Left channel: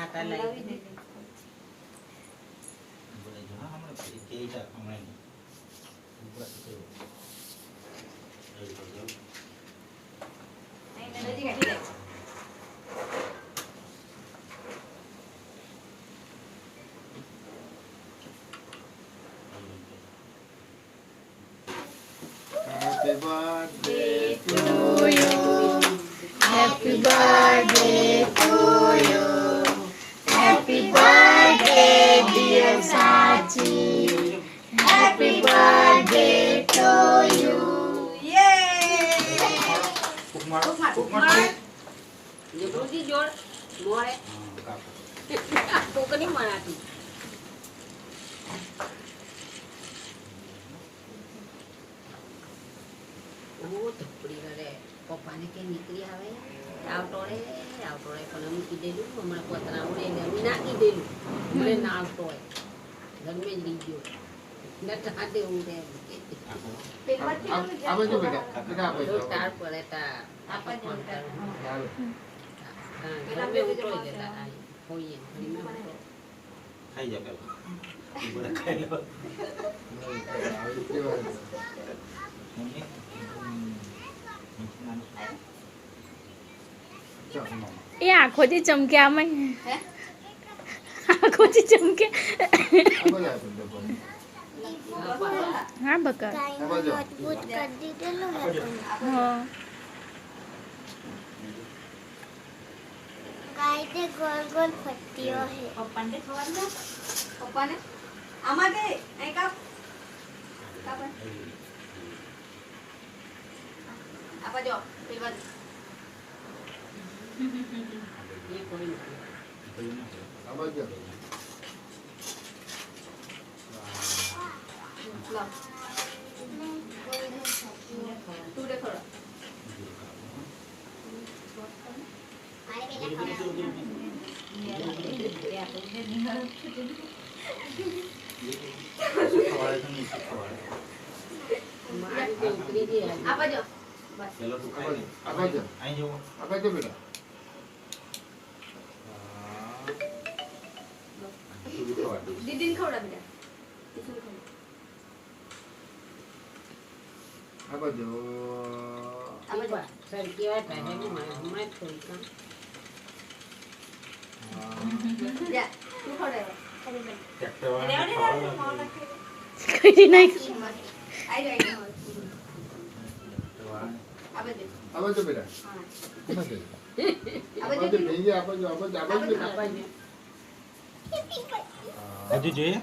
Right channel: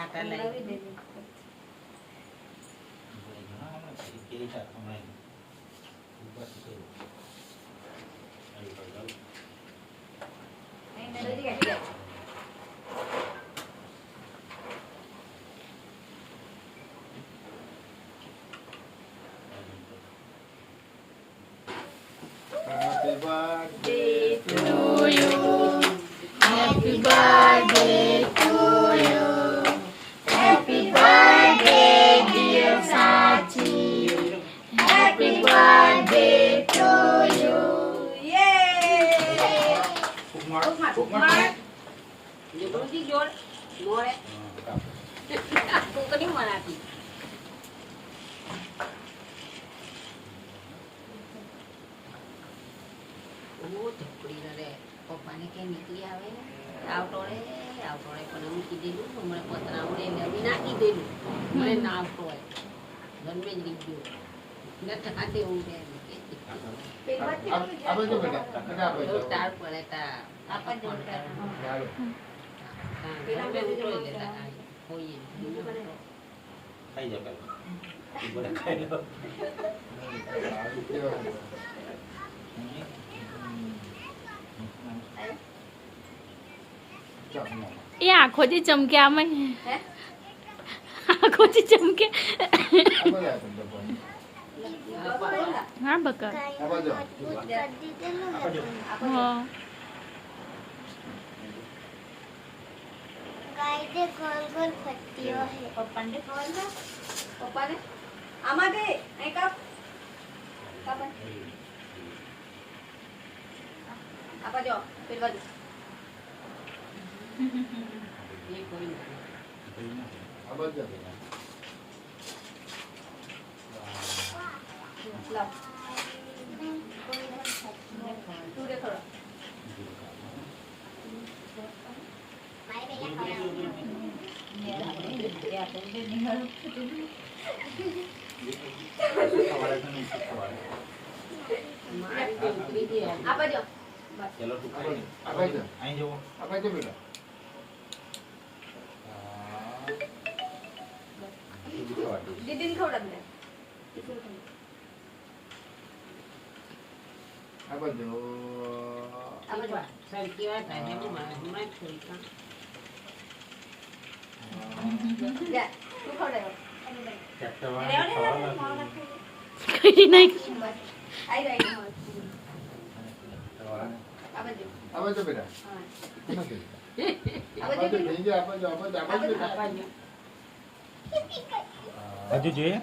કાંટા લાવી દે. Happy birthday to you. Happy birthday to you. Happy birthday, dear Sachi. Happy birthday to you. લીંબુજી જોડ મોડે કોકની મણાતી ઓ ધપડી રે પપ્પાને કે નીકળી આવે આવતો રે પણ અમે કીધેલું હમણાં પતરા ઉડે ગમી નાખી દેલું મને ના આવતો હોય ગમે લીધો નટા દેવું રે apa tu beda? Kenapa tu? તાર પડે તાર apa jodoh Lalu. ઘરે ઉતરો એટલે તાર હોઈએ ધીમે ઉતરો ખાઈ જા પેલા બડા ખાઈ લો એ આંખોથી ચમકે આમાં આંખોથી ચમકે Apa ya teman-teman? હા બકા Apa tu? હા गाय के गोल गोल पट्टियों है papa ne khawal na papa ne ama de ai kap kapan apa jo pil baju એ કોઈ નહીં Apa tu? ला tu de thora મારી તો ઉતરી ગઈ આજે. apa jo ચલો તું Apa ખાઈ tu? Apa tu? અહીં જવો Apa tu beda? didin khawda bela itu Apa tu? apa jo સરકી વાત આજે હું હમણાં જ થોડી કામ ya tu khawda yo કરી નાખ ai ai apa jo Apa tu beda? ha Kenapa tu? apa Apa jo tu? Ini apa tu? Apa tu? Apa tu? આપવાનું હજુ જોઈએ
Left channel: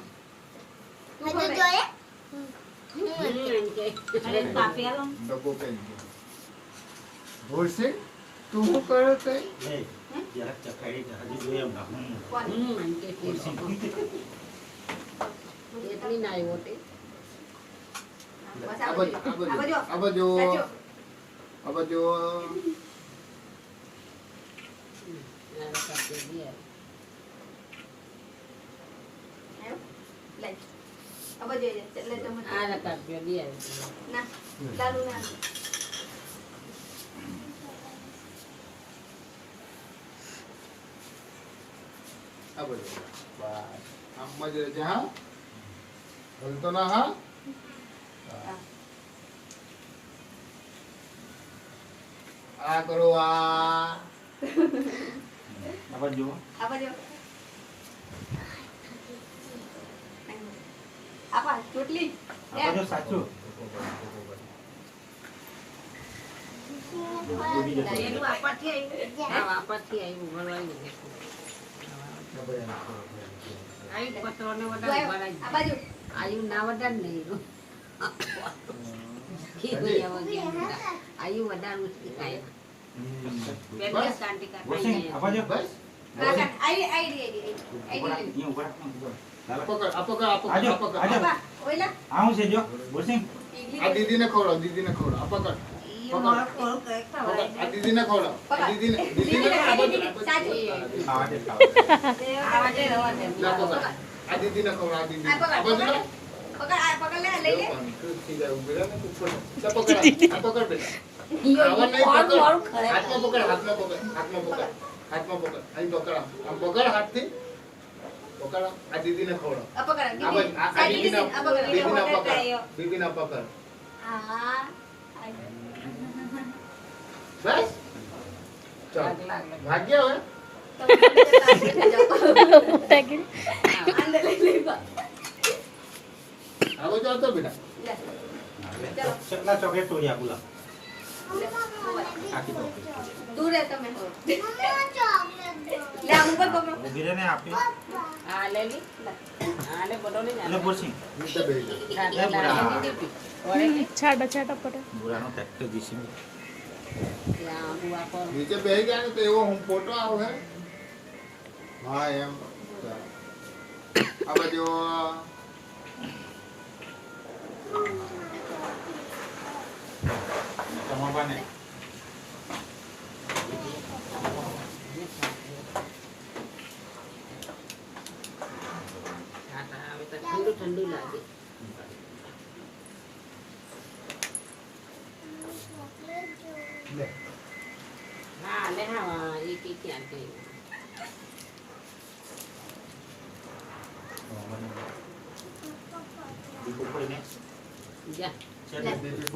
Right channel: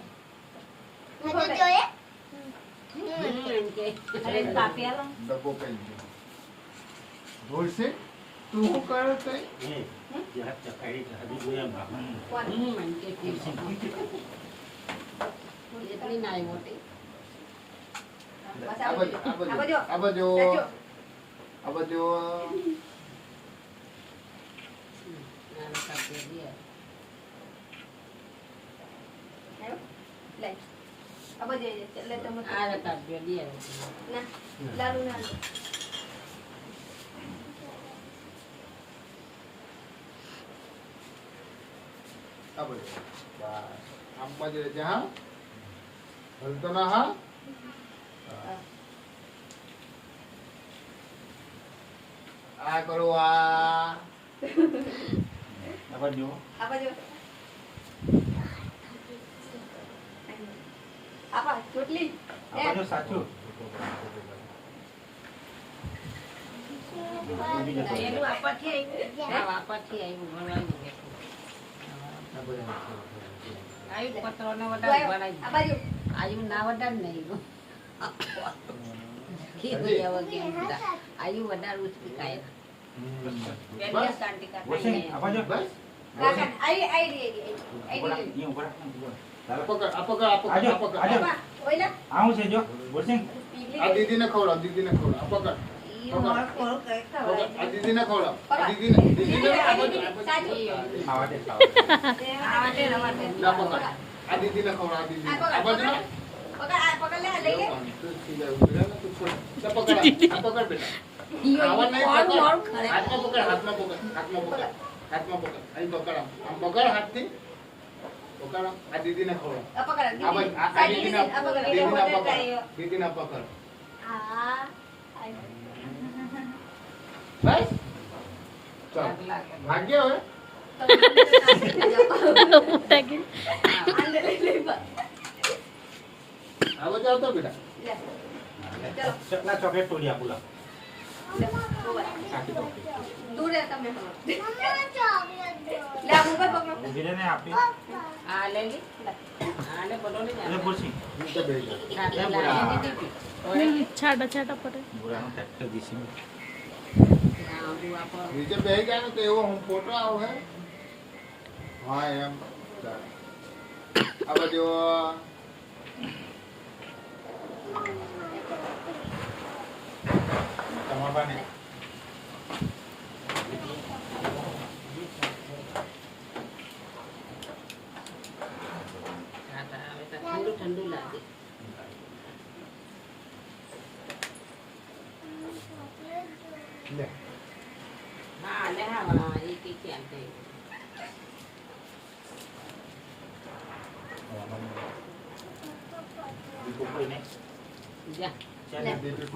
tu khawda yo એમ કે અરે કાપ્યા લો Double pen. Boleh? Tu kereta? એ જરાક ચખાઈ હજુ જોઈએ ભાગનું કોણ એમ કે એટલી ના આવ્યો તે બસ Apa tu? Apa tu? apa jo Apa tu? Cacu. Apa tu? આ કાપી દે ayo light apa jo એટલે તમે આ કાપી દે ના lalu ના Apa tu? Bas. Apa je dah? Hentak nak ha? Ah keluar. આવા જુઓ apa jo apa chotli આવા જો સાચું એનું આપાથી આવ્યું આપાથી આવ્યું ભણવાનું કેટલું Apa yang? આવ્યું પત્રોને Tu વધારે ayo ભરાય apa jo આવ્યું ના વધારે નહીં આવ્યું વધારે ઉચકી કાય બેડિયા શાંતિ વોસિંગ કાઢાય આવા જો Bas. kan ai ai ઉપર અહીં ઉપર Apa kau? Apa kau? Apa Ajo, kau? Apa kau? ajo. apa oila આવું છે જો વોસિંગ pigli Ah Didi nak kau lah. Didi nak kau lah. Apa kau? Ah Didi nak kau lah. Ah Didi nak. Didi nak apa tu? Apa tu? આવા દે awade awade Apa kau? Ah Didi nak kau lah. Didi. Apa tu? pagad le le le Itu tidak udah nak tu. Apa kau? Apa kau beda? ઈયો Awan naik કોણ pukul. મોરું કરે Hat mau pukul. Hat mau pukul. Hat mau pukul. હાથમાં પકડ અહીં પકડ આમ પકડ હાથથી પકડ આ દીદીને ખવડાવ આ પકડ આ ભાઈ આ દીદીના આ પકડ દીદીના પકડ દીદીના પકડ આ બસ ચાલ ભાગ્ય હવે મોટા કે આગળ જાઓ તો બેટા કેટલા ચોકલેટ તોડી આપું લાવ આખી તો દૂર રહે તમે હવે. ચોકલેટ લે આ મોબાઈલ પકડો. ઊભી રહે ને આપી આ લે લી આ લે બોલો ને અને પૂછી નીચે બેસી જા છાટા છાટા પડે બુરાનો ટ્રેક્ટર દીસી નીચે બેસી ગયા ને તો એવો હું ફોટો આવે હા એમ આ બાજુ તમારા ને ઠંડુ ઠંડુ લાગે લે હા લે હા એક એક ક્યાં થઈ દીકુ કોઈ ને જા ચાલ દીદી